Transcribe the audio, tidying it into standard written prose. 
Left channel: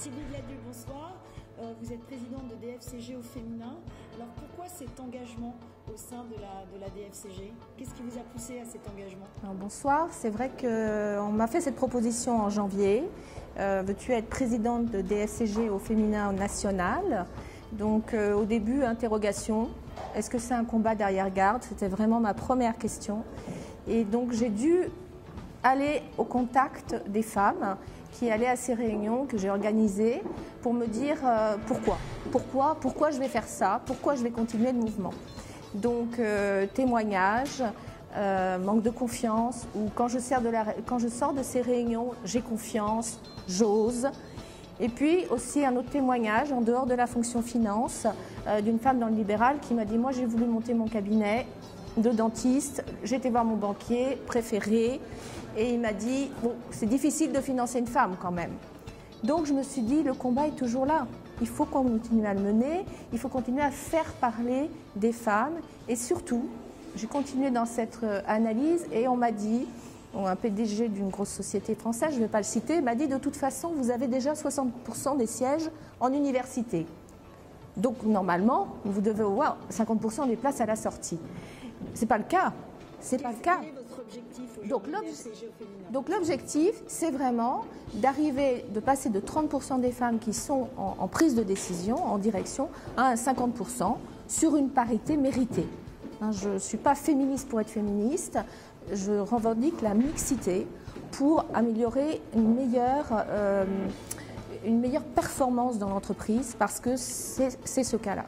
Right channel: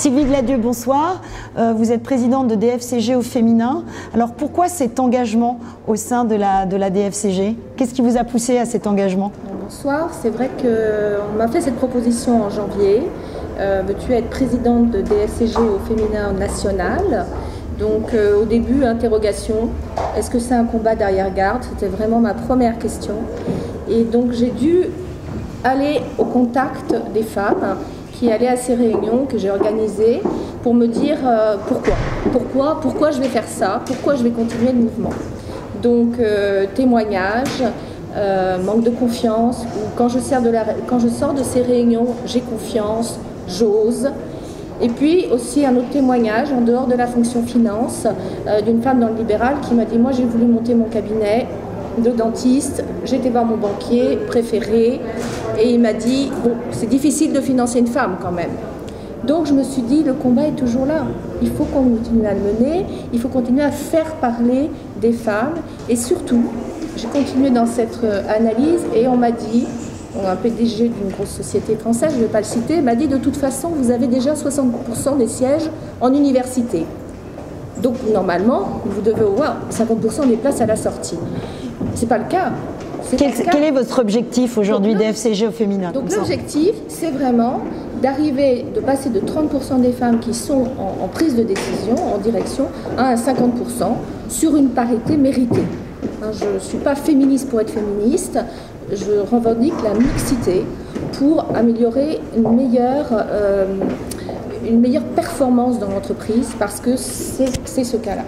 Sylvie Gladieux, bonsoir. Vous êtes présidente de DFCG au féminin. Alors pourquoi cet engagement au sein de la DFCG? Qu'est-ce qui vous a poussé à cet engagement? Bonsoir, c'est vrai qu'on m'a fait cette proposition en janvier. Veux-tu être présidente de DFCG au féminin national? Donc au début, interrogation, est-ce que c'est un combat d'arrière-garde? C'était vraiment ma première question. Et donc j'ai dû aller au contact des femmes qui allaient à ces réunions que j'ai organisées pour me dire pourquoi je vais faire ça, pourquoi je vais continuer le mouvement. Donc témoignages, manque de confiance, ou quand je sors de ces réunions, j'ai confiance, j'ose. Et puis aussi un autre témoignage en dehors de la fonction finance d'une femme dans le libéral qui m'a dit: moi j'ai voulu monter mon cabinet de dentiste, j'ai été voir mon banquier préféré et il m'a dit bon, c'est difficile de financer une femme quand même. Donc je me suis dit, le combat est toujours là, il faut qu'on continue à le mener, il faut continuer à faire parler des femmes et surtout j'ai continué dans cette analyse et on m'a dit, un PDG d'une grosse société française, je ne vais pas le citer, m'a dit: de toute façon vous avez déjà 60% des sièges en université. Donc normalement, vous devez avoir 50% des places à la sortie. Ce n'est pas le cas. Quel est votre objectif aujourd'hui DFCG au féminin? Donc l'objectif, c'est vraiment d'arriver, de passer de 30% des femmes qui sont en prise de décision, en direction, à un 50% sur une parité méritée. Je ne suis pas féministe pour être féministe, je revendique la mixité pour améliorer une meilleure performance dans l'entreprise, parce que c'est ce cas-là.